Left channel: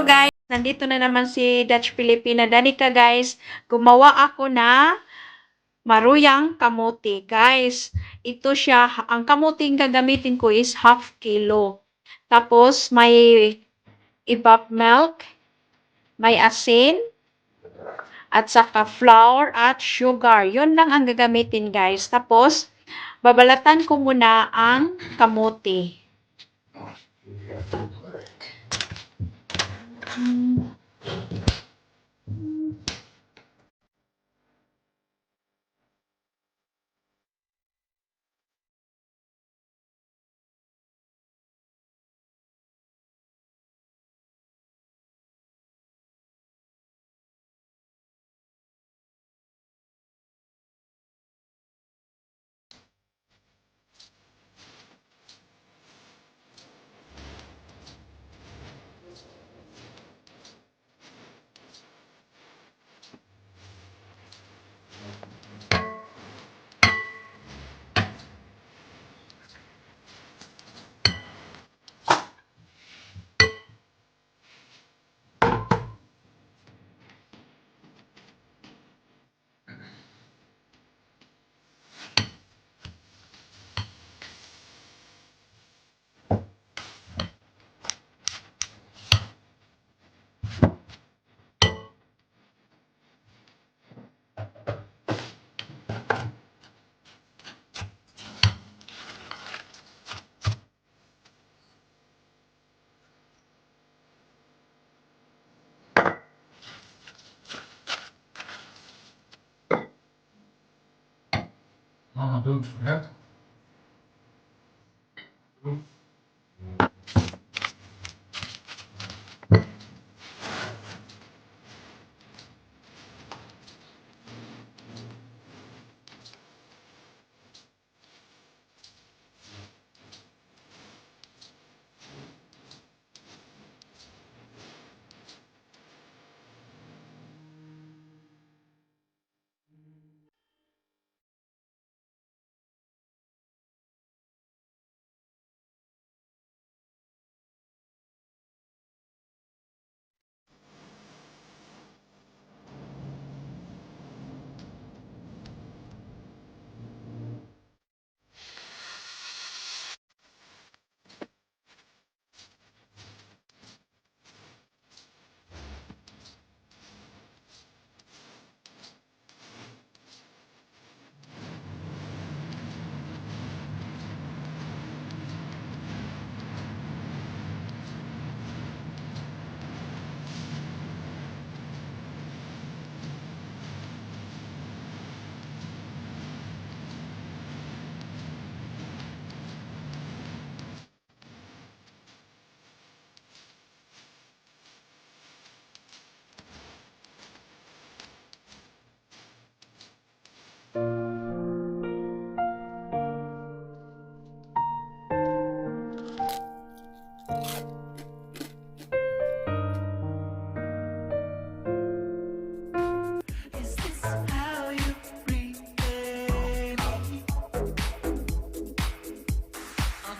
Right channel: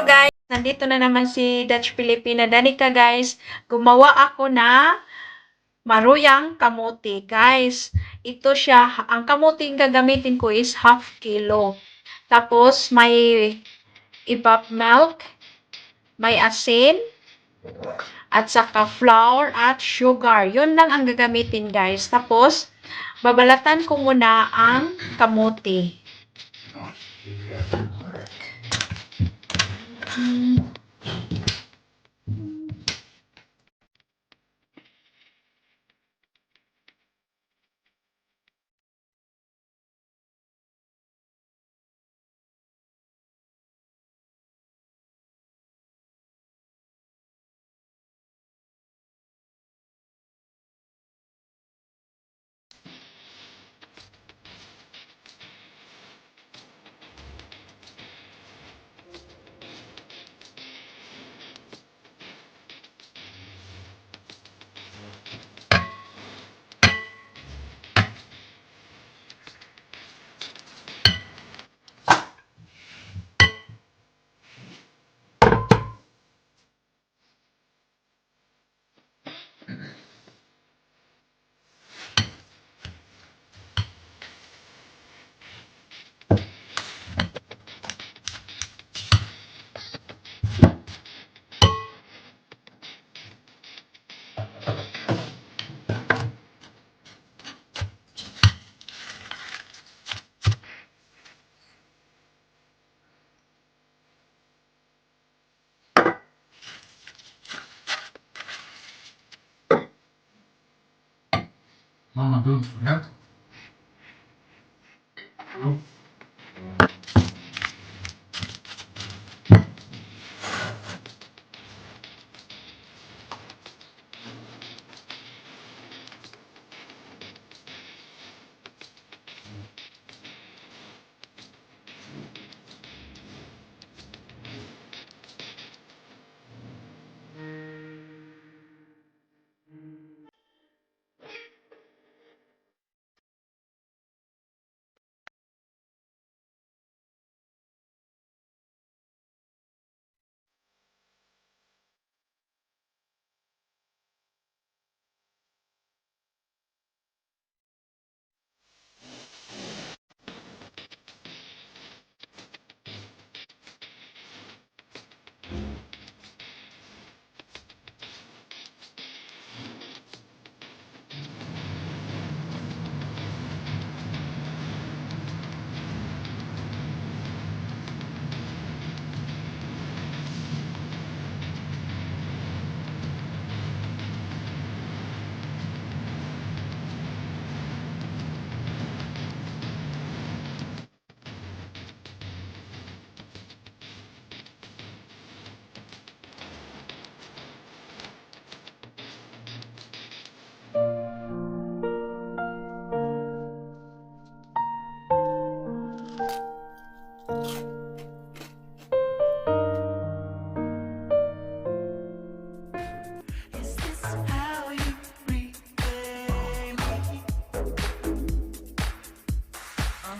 Hello guys! Nandito na naman si Dutch Filipina. Dali ka guys, gumawa ako na maruyang kamote. Guys, ito siya. Ang kamote gagamitin ko is half kilo. Tapos may evap milk, may asin, at saka flour at sugar. Yun lang ang gagamitin guys. Tapos, babalatan ko muna ang kamote. Mama, don't forget.